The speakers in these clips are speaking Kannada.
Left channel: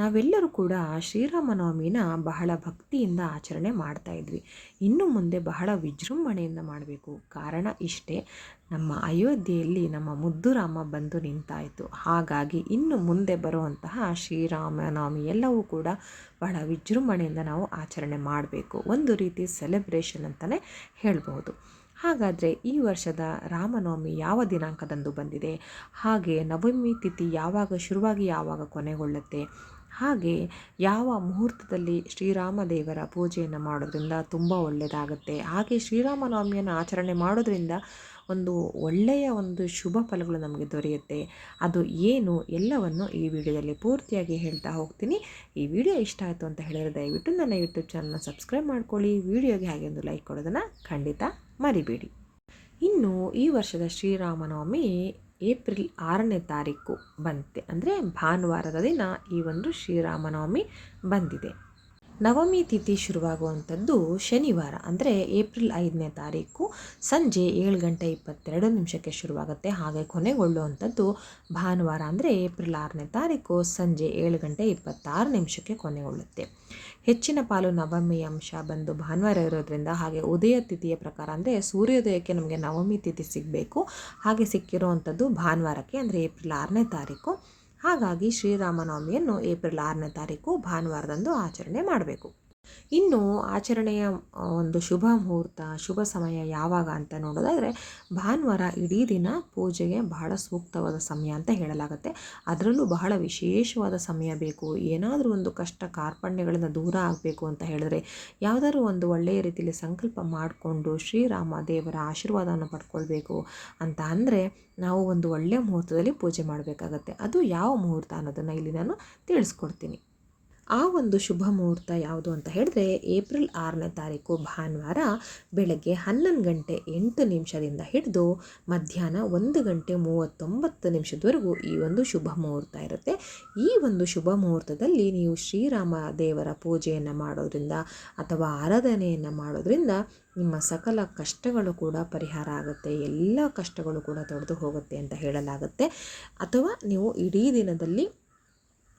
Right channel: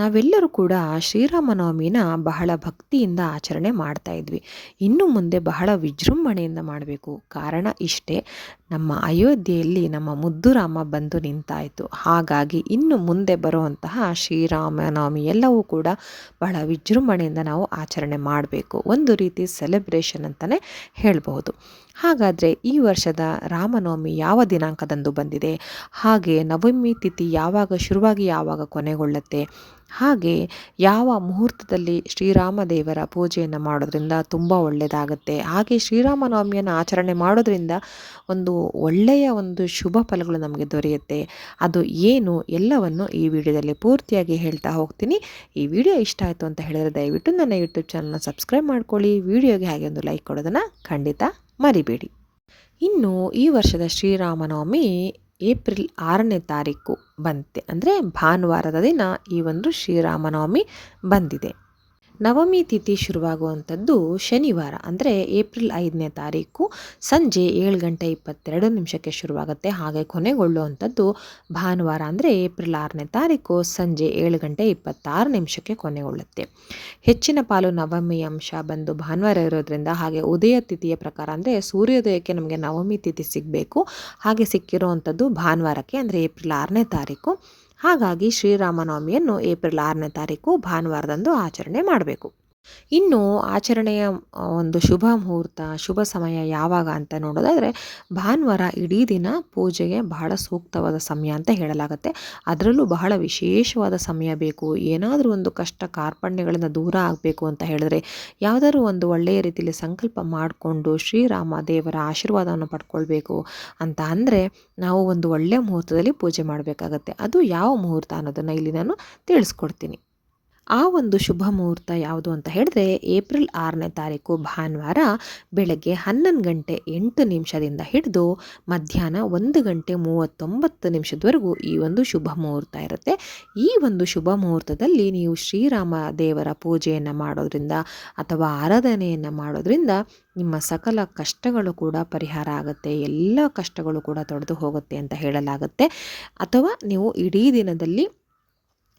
ನಾವೆಲ್ಲರೂ ಕೂಡ ಶ್ರೀರಾಮನವಮಿನ ಬಹಳ ಭಕ್ತಿಯಿಂದ ಆಚರಣೆ ಮಾಡ್ತಾ ಇದ್ವಿ. ಇನ್ನು ಮುಂದೆ ಬಹಳ ವಿಜೃಂಭಣೆಯಿಂದ ಮಾಡಬೇಕು. ಕಾರಣ ಇಷ್ಟೇ, ನಮ್ಮ ಅಯೋಧ್ಯೆಯಲ್ಲಿ ನಮ್ಮ ಮುದ್ದುರಾಮ ಬಂದು ನಿಂತಾಯಿತು. ಹಾಗಾಗಿ ಇನ್ನು ಮುಂದೆ ಬರುವಂತಹ ಶ್ರೀರಾಮನವಮಿ ಎಲ್ಲವೂ ಕೂಡ ಬಹಳ ವಿಜೃಂಭಣೆಯಿಂದ ನಾವು ಆಚರಣೆ ಮಾಡಬೇಕು. ಒಂದು ರೀತಿ ಸೆಲೆಬ್ರೇಷನ್ ಅಂತಲೇ ಹೇಳಬಹುದು. ಹಾಗಾದರೆ ಈ ವರ್ಷದ ರಾಮನವಮಿ ಯಾವ ದಿನಾಂಕದಂದು ಬಂದಿದೆ? ಹಾಗೆ ನವಮಿ ತಿಥಿ ಯಾವಾಗ ಶುರುವಾಗಿ ಯಾವಾಗ ಕೊನೆಗೊಳ್ಳುತ್ತೆ? ಹಾಗೆ ಯಾವ ಮುಹೂರ್ತದಲ್ಲಿ ಶ್ರೀರಾಮದೇವರ ಪೂಜೆಯನ್ನು ಮಾಡೋದ್ರಿಂದ ತುಂಬ ಒಳ್ಳೆಯದಾಗುತ್ತೆ. ಹಾಗೆ ಶ್ರೀರಾಮನವಮಿಯನ್ನು ಆಚರಣೆ ಮಾಡೋದ್ರಿಂದ ಒಂದು ಒಳ್ಳೆಯ ಒಂದು ಶುಭ ಫಲಗಳು ನಮಗೆ ದೊರೆಯುತ್ತೆ. ಅದು ಏನು ಎಲ್ಲವನ್ನು ಈ ವಿಡಿಯೋದಲ್ಲಿ ಪೂರ್ತಿಯಾಗಿ ಹೇಳ್ತಾ ಹೋಗ್ತೀನಿ. ಈ ವಿಡಿಯೋ ಇಷ್ಟ ಆಯಿತು ಅಂತ ಹೇಳಿದರೆ ದಯವಿಟ್ಟು ನನ್ನ ಯೂಟ್ಯೂಬ್ ಚಾನಲ್ನ ಸಬ್ಸ್ಕ್ರೈಬ್ ಮಾಡ್ಕೊಳ್ಳಿ. ವಿಡಿಯೋಗೆ ಹಾಗೆ ಒಂದು ಲೈಕ್ ಕೊಡೋದನ್ನು ಖಂಡಿತ ಮರಿಬೇಡಿ. ಇನ್ನು ಈ ವರ್ಷದ ಶ್ರೀರಾಮನವಮಿ ಏಪ್ರಿಲ್ ಆರನೇ ತಾರೀಕು ಬಂತೆ. ಅಂದರೆ ಭಾನುವಾರದ ದಿನ ಈ ಒಂದು ಶ್ರೀರಾಮನವಮಿ ಬಂದಿದೆ. ನವಮಿ ತಿಥಿ ಶುರುವಾಗುವಂಥದ್ದು ಶನಿವಾರ, ಅಂದರೆ ಏಪ್ರಿಲ್ ಐದನೇ ತಾರೀಕು ಸಂಜೆ ಏಳು ಗಂಟೆ ಇಪ್ಪತ್ತೆರಡು ನಿಮಿಷಕ್ಕೆ ಶುರುವಾಗುತ್ತೆ. ಹಾಗೆ ಕೊನೆಗೊಳ್ಳುವಂಥದ್ದು ಭಾನುವಾರ, ಅಂದರೆ ಏಪ್ರಿಲ್ ಆರನೇ ತಾರೀಕು ಸಂಜೆ ಏಳು ಗಂಟೆ ಇಪ್ಪತ್ತಾರು ನಿಮಿಷಕ್ಕೆ ಕೊನೆಗೊಳ್ಳುತ್ತೆ. ಹೆಚ್ಚಿನ ಪಾಲು ನವಮಿ ಅಂಶ ಬಂದು ಭಾನುವಾರ ಇರೋದ್ರಿಂದ, ಹಾಗೆ ಉದಯ ತಿಥಿಯ ಪ್ರಕಾರ, ಅಂದರೆ ಸೂರ್ಯೋದಯಕ್ಕೆ ನಮಗೆ ನವಮಿ ತಿಥಿ ಸಿಗಬೇಕು. ಹಾಗೆ ಸಿಕ್ಕಿರುವಂಥದ್ದು ಭಾನುವಾರಕ್ಕೆ, ಅಂದರೆ ಏಪ್ರಿಲ್ ಆರನೇ ತಾರೀಕು. ಹಾಗಾಗಿ ಶ್ರೀರಾಮನವಮಿಯನ್ನು ಏಪ್ರಿಲ್ ಆರನೇ ತಾರೀಕು ಭಾನುವಾರದಂದು ಆಚರಣೆ ಮಾಡಬೇಕು. ಇನ್ನು ಆಚರಣೆಯ ಒಂದು ಶುಭ ಮುಹೂರ್ತ, ಶುಭ ಸಮಯ ಯಾವಾಗ ಅಂತ ನೋಡೋದಾದರೆ ಭಾನುವಾರ ಇಡೀ ದಿನ ಪೂಜೆಗೆ ಬಹಳ ಸೂಕ್ತವಾದ ಸಮಯ ಅಂತ ಹೇಳಲಾಗುತ್ತೆ. ಅದರಲ್ಲೂ ಬಹಳ ವಿಶೇಷವಾದ ಸಮಯ ಬೇಕು. ಏನಾದರೂ ಒಂದು ಕಷ್ಟ ಕಾರ್ಪಣ್ಯಗಳಿಂದ ದೂರ ಆಗಬೇಕು ಅಂತ ಹೇಳಿದ್ರೆ ಯಾವುದಾದ್ರೂ ಒಂದು ಒಳ್ಳೆಯ ರೀತಿಯಲ್ಲಿ ಸಂಕಲ್ಪ ಮಾಡಿಕೊಂಡು ಶ್ರೀರಾಮ ದೇವರ ಆಶೀರ್ವಾದವನ್ನು ಪಡ್ಕೊಳ್ಬೇಕು ಅಂತ ಅಂದರೆ ನಾವು ಒಂದು ಒಳ್ಳೆಯ ಮುಹೂರ್ತದಲ್ಲಿ ಪೂಜೆ ಮಾಡಬೇಕಾಗತ್ತೆ. ಅದು ಯಾವ ಮುಹೂರ್ತ ಅನ್ನೋದನ್ನು ಇಲ್ಲಿ ನಾನು ತಿಳಿಸ್ಕೊಡ್ತೀನಿ. ಆ ಒಂದು ಶುಭ ಮುಹೂರ್ತ ಯಾವುದು ಅಂತ ಹೇಳಿದ್ರೆ ಏಪ್ರಿಲ್ ಆರನೇ ತಾರೀಕು ಭಾನುವಾರ ಬೆಳಗ್ಗೆ ಹನ್ನೊಂದು ಗಂಟೆ ಎಂಟು ನಿಮಿಷದಿಂದ ಹಿಡಿದು ಮಧ್ಯಾಹ್ನ ಒಂದು ಗಂಟೆ ಮೂವತ್ತೊಂಬತ್ತು ನಿಮಿಷದವರೆಗೂ ಈ ಒಂದು ಶುಭ ಮುಹೂರ್ತ ಇರುತ್ತೆ. ಈ ಒಂದು ಶುಭ ಮುಹೂರ್ತದಲ್ಲಿ ನೀವು ಶ್ರೀರಾಮ ದೇವರ ಪೂಜೆಯನ್ನು ಮಾಡೋದ್ರಿಂದ ಅಥವಾ ಆರಾಧನೆಯನ್ನು ಮಾಡೋದ್ರಿಂದ ನಿಮ್ಮ ಸಕಲ ಕಷ್ಟಗಳು ಕೂಡ ಪರಿಹಾರ ಆಗುತ್ತೆ, ಎಲ್ಲ ಕಷ್ಟಗಳು ಕೂಡ ತೊಡೆದು ಹೋಗುತ್ತೆ ಅಂತ ಹೇಳಲಾಗುತ್ತೆ. ಅಥವಾ ನೀವು ಇಡೀ ದಿನದಲ್ಲಿ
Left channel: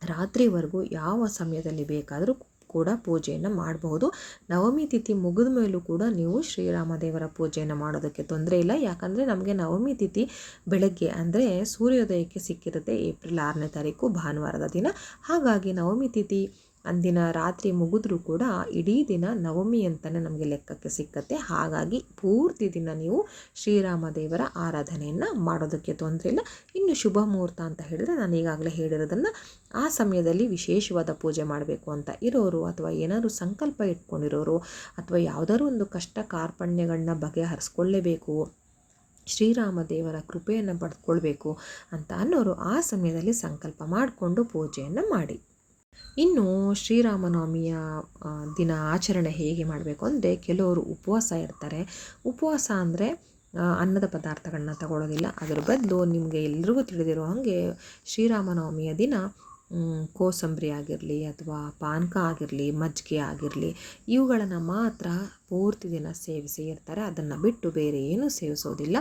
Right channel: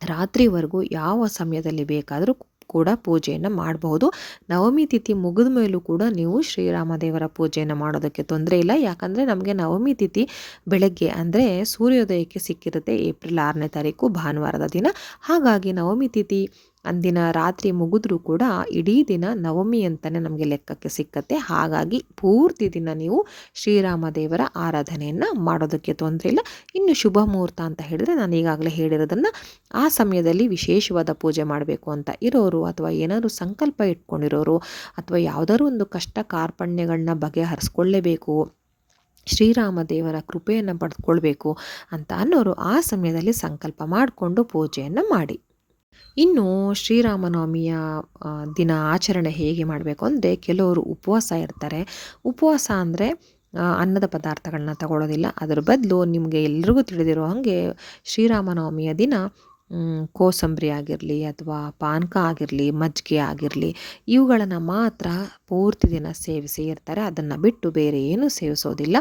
ರಾತ್ರಿವರೆಗೂ ಯಾವ ಸಮಯದಲ್ಲಿ ಬೇಕಾದರೂ ಕೂಡ ಪೂಜೆಯನ್ನು ಮಾಡಬಹುದು. ನವಮಿ ತಿಥಿ ಮುಗಿದ ಮೇಲೂ ಕೂಡ ನೀವು ಶ್ರೀರಾಮ ದೇವರ ಪೂಜೆಯನ್ನು ಮಾಡೋದಕ್ಕೆ ತೊಂದರೆ ಇಲ್ಲ. ಯಾಕಂದರೆ ನಮಗೆ ನವಮಿ ತಿಥಿ ಬೆಳಗ್ಗೆ ಅಂದರೆ ಸೂರ್ಯೋದಯಕ್ಕೆ ಸಿಕ್ಕಿರುತ್ತೆ ಏಪ್ರಿಲ್ ಆರನೇ ತಾರೀಕು ಭಾನುವಾರದ ದಿನ. ಹಾಗಾಗಿ ನವಮಿ ತಿಥಿ ಅಂದಿನ ರಾತ್ರಿ ಮುಗಿದ್ರೂ ಕೂಡ ಇಡೀ ದಿನ ನವಮಿ ಅಂತಲೇ ನಮಗೆ ಲೆಕ್ಕಕ್ಕೆ ಸಿಕ್ಕತ್ತೆ. ಹಾಗಾಗಿ ಪೂರ್ತಿ ದಿನ ನೀವು ಶ್ರೀರಾಮ ದೇವರ ಆರಾಧನೆಯನ್ನು ಮಾಡೋದಕ್ಕೆ ತೊಂದರೆ ಇಲ್ಲ. ಇನ್ನು ಶುಭ ಮುಹೂರ್ತ ಅಂತ ಹೇಳಿದ್ರೆ ನಾನು ಈಗಾಗಲೇ ಹೇಳಿರೋದನ್ನು ಆ ಸಮಯದಲ್ಲಿ ವಿಶೇಷವಾದ ಪೂಜೆ ಮಾಡಬೇಕು ಅಂತ ಇರೋರು ಅಥವಾ ಏನಾದರೂ ಸಂಕಲ್ಪ ಇಟ್ಕೊಂಡಿರೋರು ಅಥವಾ ಯಾವುದಾದ್ರು ಒಂದು ಕಷ್ಟ ಕಾರ್ಪಣ್ಯಗಳನ್ನ ಬಗೆಹರಿಸ್ಕೊಳ್ಳೇಬೇಕು, ಶ್ರೀರಾಮ ದೇವರ ಕೃಪೆಯನ್ನು ಪಡೆದುಕೊಳ್ಬೇಕು ಅಂತ ಅನ್ನೋರು ಆ ಸಮಯದಲ್ಲಿ ಸಂಕಲ್ಪ ಮಾಡಿಕೊಂಡು ಪೂಜೆಯನ್ನು ಮಾಡಿ. ಇನ್ನು ಶ್ರೀರಾಮನವಮಿಯ ದಿನ ಆಚರಣೆ ಹೇಗೆ ಮಾಡಬೇಕು ಅಂದರೆ ಕೆಲವರು ಉಪವಾಸ ಇರ್ತಾರೆ. ಉಪವಾಸ ಅಂದರೆ ಅನ್ನದ ಪದಾರ್ಥಗಳನ್ನ ತಗೊಳ್ಳೋದಿಲ್ಲ ಅದರ ಬದಲು ನಿಮಗೆ ಎಲ್ರಿಗೂ ತಿಳಿದಿರೋ ಹಾಗೆ ಶ್ರೀರಾಮನವಮಿಯ ದಿನ ಕೋಸಂಬರಿ ಆಗಿರಲಿ ಅಥವಾ ಪಾನಕ ಆಗಿರಲಿ, ಮಜ್ಜಿಗೆ ಆಗಿರಲಿ, ಇವುಗಳನ್ನು ಮಾತ್ರ ಪೂರ್ತಿ ದಿನ ಸೇವಿಸಿ ಇರ್ತಾರೆ. ಅದನ್ನು ಬಿಟ್ಟು ಬೇರೆ ಏನೂ ಸೇವಿಸೋದಿಲ್ಲ.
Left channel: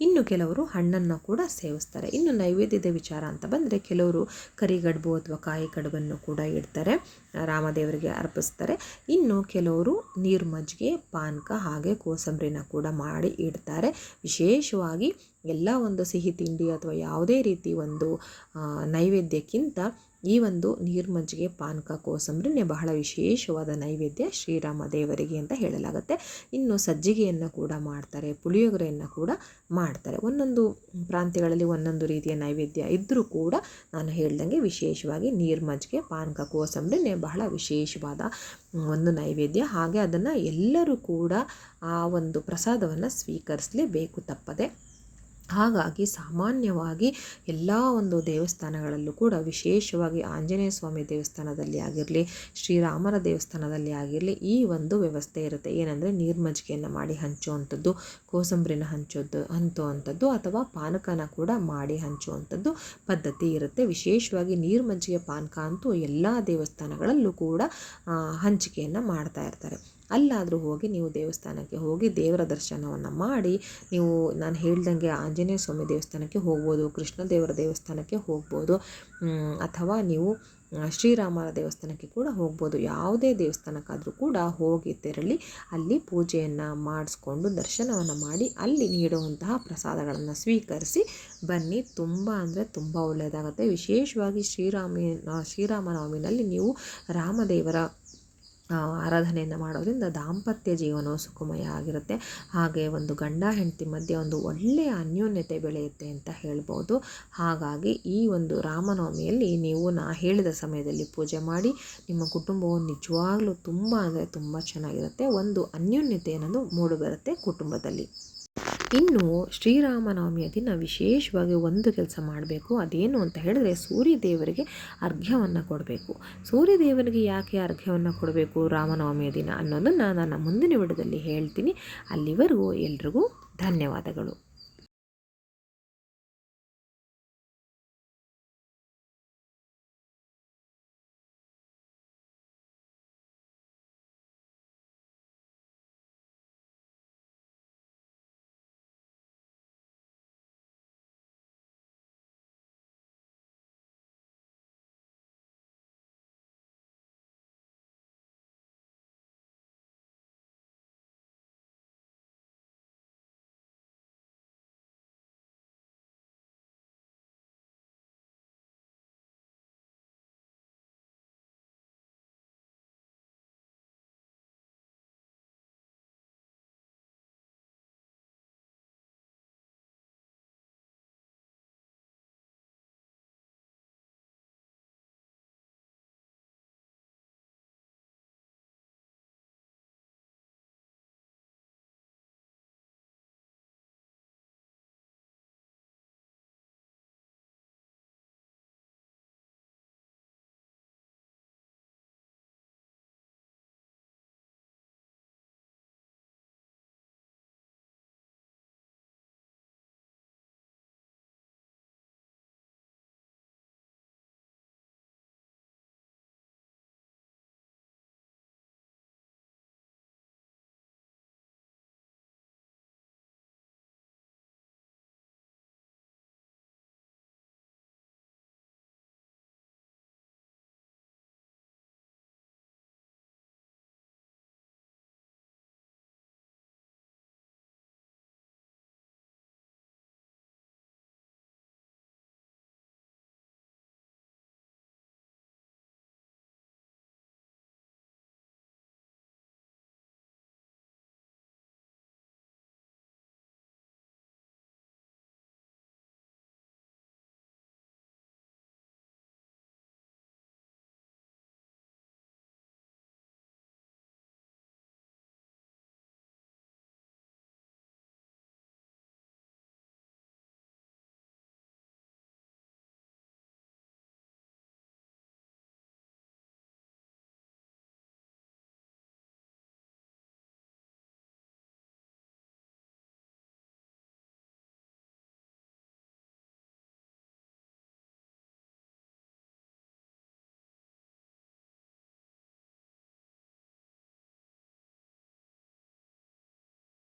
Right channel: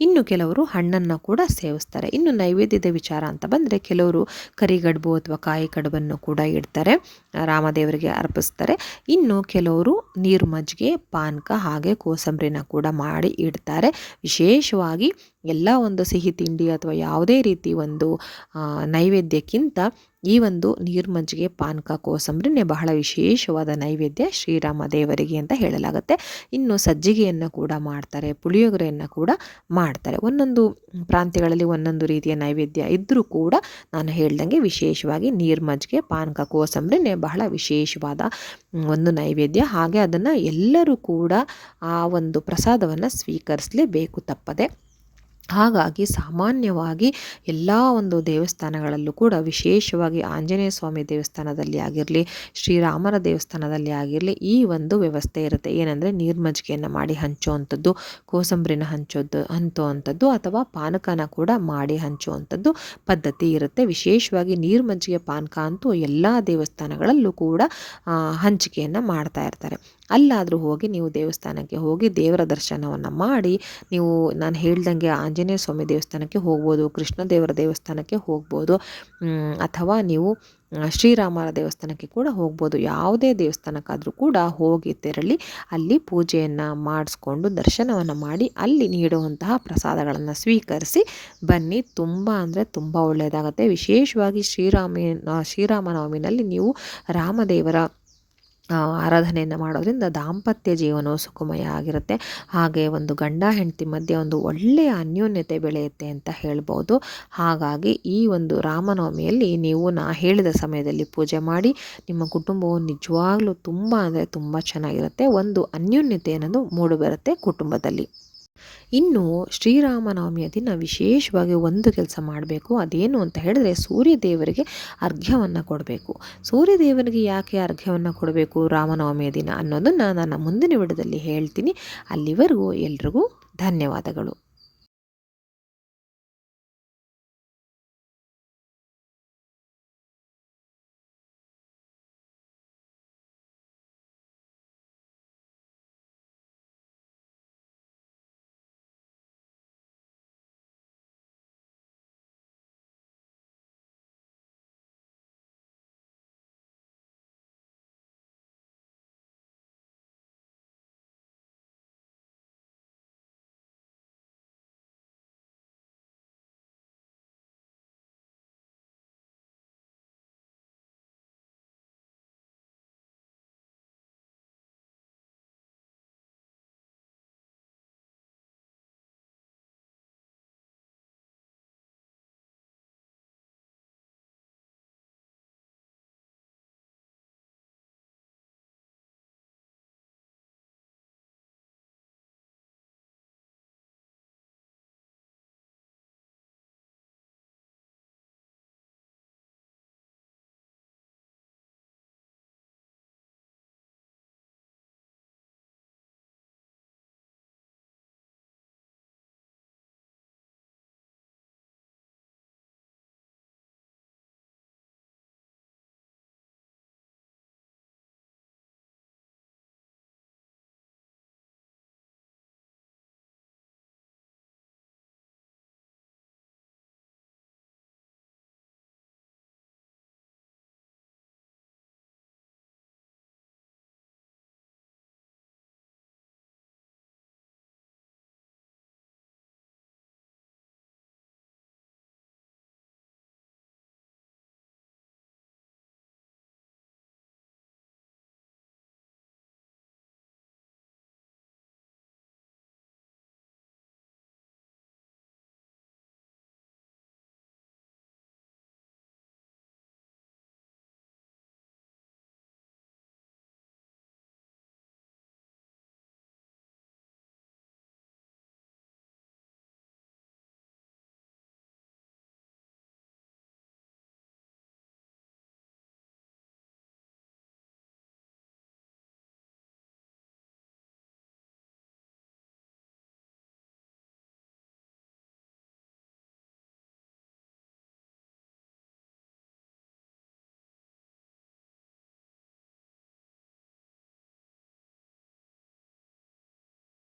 ಇನ್ನು ಕೆಲವರು ಹಣ್ಣನ್ನು ಕೂಡ ಸೇವಿಸ್ತಾರೆ. ಇನ್ನು ನೈವೇದ್ಯದ ವಿಚಾರ ಅಂತ ಬಂದರೆ ಕೆಲವರು ಕರಿಗಡುಬು ಅಥವಾ ಕಾಯಿ ಕಡುಬನ್ನು ಕೂಡ ಇಡ್ತಾರೆ, ರಾಮದೇವರಿಗೆ ಅರ್ಪಿಸ್ತಾರೆ. ಇನ್ನು ಕೆಲವರು ನೀರು ಮಜ್ಜಿಗೆ, ಪಾನಕ ಹಾಗೆ ಕೋಸಂಬರಿನ ಕೂಡ ಮಾಡಿ ಇಡ್ತಾರೆ. ವಿಶೇಷವಾಗಿ ಎಲ್ಲ ಒಂದು ಸಿಹಿ ತಿಂಡಿ ಅಥವಾ ಯಾವುದೇ ರೀತಿ ಒಂದು ನೈವೇದ್ಯಕ್ಕಿಂತ ಈ ಒಂದು ನೀರು ಮಜ್ಜಿಗೆ ಪಾನಕ ಕೋಸಂಬರಿನೇ ಬಹಳ ವಿಶೇಷವಾದ ನೈವೇದ್ಯ ಶ್ರೀರಾಮ ದೇವರಿಗೆ ಅಂತ ಹೇಳಲಾಗುತ್ತೆ. ಇನ್ನು ಸಜ್ಜಿಗೆಯನ್ನು ಕೂಡ ಮಾಡ್ತಾರೆ, ಪುಳಿಯೋಗರೆಯನ್ನು ಕೂಡ ಮಾಡ್ತಾರೆ. ಒಂದೊಂದು ಪ್ರಾಂತ್ಯಗಳಲ್ಲಿ ಒಂದೊಂದು ರೀತಿಯ ನೈವೇದ್ಯ ಇದ್ದರೂ ಕೂಡ ನಾನು ಹೇಳ್ದಂಗೆ ವಿಶೇಷವಾಗಿ ನೀರು ಮಜ್ಜಿಗೆ ಪಾನಕ ಕೋಸಂಬರಿನೇ ಬಹಳ ವಿಶೇಷವಾದ ಒಂದು ನೈವೇದ್ಯ. ಹಾಗೆ ಅದನ್ನು ಎಲ್ಲರೂ ಕೂಡ ಆ ಒಂದು ಪ್ರಸಾದವನ್ನು ಸ್ವೀಕರಿಸಲೇಬೇಕು ತಪ್ಪದೆ. ಹಾಗಾಗಿ ಸಾಮಾನ್ಯವಾಗಿ ಎಲ್ಲ ಒಂದು ದೇವಸ್ಥಾನಗಳಲ್ಲೂ ಕೂಡ ವಿಶೇಷವಾಗಿ ಆಂಜನೇಯ ಸ್ವಾಮಿ ದೇವಸ್ಥಾನದಲ್ಲಿ ಆಗಿರಲಿ, ಶ್ರೀರಾಮರ ದೇವಸ್ಥಾನದಲ್ಲಿ ಆಗಿರಲಿ ಈ ಒಂದು ವ್ಯವಸ್ಥೆ ಇರುತ್ತೆ. ಏನಂದರೆ ನೀರ್ಮಜ್ಜಿಗೆಯನ್ನು ಮಾಡಿ ಹಂಚುವಂಥದ್ದು, ಕೋಸಂಬರಿನ ಹಂಚೋದು ಹಂಚುವಂಥದ್ದು ಅಥವಾ ಪಾನಕನ ಕೂಡ ಮಾಡಿ ಹಂಚುವಂಥದ್ದು ಪದ್ಧತಿ ಇರುತ್ತೆ. ವಿಶೇಷವಾಗಿ ನೀರ್ಮಜ್ಜಿಗೆ ಪಾನಕ ಅಂತೂ ಎಲ್ಲ ದೇವಸ್ಥಾನಗಳಲ್ಲೂ ಕೂಡ ಹಂಚಿಕೆಯನ್ನು ಮಾಡ್ತಾ ಇರ್ತಾರೆ. ಅಲ್ಲಾದರೂ ಹೋಗಿ ನೀವು ದೇವಸ್ಥಾನಕ್ಕೆ ಹೋಗಿ ದೇವರ ದರ್ಶನವನ್ನು ಮಾಡಿ ನೀವು, ನಾನು ಹೇಳ್ದಂಗೆ ಆಂಜನೇಯ ಸ್ವಾಮಿ ದೇವಸ್ಥಾನಕ್ಕೆ ಹೋಗ್ಬೋದು, ಕೃಷ್ಣ ದೇವರ ದೇವಸ್ಥಾನಕ್ಕೆ ಹೋಗ್ಬೋದು ಅಥವಾ ನೀವು ಶ್ರೀರಾಮರ ದೇವಸ್ಥಾನಕ್ಕೆ ಕೂಡ ಹೋಗ್ಬೋದು. ಯಾವುದೇ ದೇವಸ್ಥಾನಕ್ಕಾದರೂ ಕೂಡ ಹೋಗಿ ತೆರಳಿ ಅಲ್ಲಿ ಪೂಜೆಯನ್ನು ಮಾಡಿಸ್ಕೊಂಡು ದರ್ಶನವನ್ನು ಮಾಡಿ ಅಲ್ಲಿ ನೀಡುವಂತಹ ಪ್ರಸಾದಗಳನ್ನು ಸ್ವೀಕರಿಸಿ ಬನ್ನಿ. ತುಂಬ ಅಂದರೆ ತುಂಬ ಒಳ್ಳೆಯದಾಗುತ್ತೆ ವಿಶೇಷವಾಗಿ ಶ್ರೀರಾಮ ಶ್ರೀರಾಮನವಮಿನಲ್ಲಿ ನೀವು ರಾಮದೇವರ ಆರಾಧನೆಯನ್ನು ಮಾಡೋದ್ರಿಂದ ದಾಂಪತ್ಯ ಜೀವನವು ಸುಖಮಯ ಆಗಿರುತ್ತೆ. ಹಾಗೆ ಒಂದು ಗಂಡ ಹೆಂಡತಿ ಮಧ್ಯೆ ಒಂದು ಒಳ್ಳೆಯ ಅನ್ಯೋನ್ಯತೆ ಬೆಳೆಯುತ್ತೆ ಅಂತ ಹೇಳ್ಬೋದು. ಹಾಗಾಗಿ ಈ ಒಂದು ರಾಮನವಮಿಯಲ್ಲಿ ನೀವು ನಾ ಹೇಳಿದ ಸಮಯದಲ್ಲಿ ಪೂಜೆ ಮಾಡಿ, ನಿಮ್ಮ ಕುಟುಂಬವು ನಿಜವಾಗ್ಲೂ ತುಂಬ ಅಂದರೆ ತುಂಬ ಚೆನ್ನಾಗಿರುತ್ತೆ. ಒಂದು ಅನ್ಯೋನ್ಯತೆ ಅನ್ನೋದು ಮೂಡಿಬರುತ್ತೆ ಕುಟುಂಬದಲ್ಲಿ. ಇನ್ನು ಶ್ರೀರಾಮನವಮಿಯ ದಿನ ವಿಶೇಷವಾಗಿ ಒಂದು ಕೆಲಸ ಮಾಡಬೇಕು. ಅದೇನು ಅಂತ ಹೇಳಿದ್ರೆ ಸೂರ್ಯದೇವರಿಗೆ ಅರ್ಘ್ಯವನ್ನು ಕೊಡಬೇಕು. ಸೂರ್ಯದೇವರಿಗೆ ಯಾಕೆ ಅರ್ಘ್ಯವನ್ನು ಕೊಡಬೇಕು ರಾಮನವಮಿಯ ದಿನ ಅನ್ನೋದನ್ನು ನಾನು ಮುಂದಿನ ವಿಡದಲ್ಲಿ ಹೇಳ್ತೀನಿ. ಅಲ್ಲಿವರೆಗೂ ಎಲ್ರಿಗೂ ಧನ್ಯವಾದಗಳು.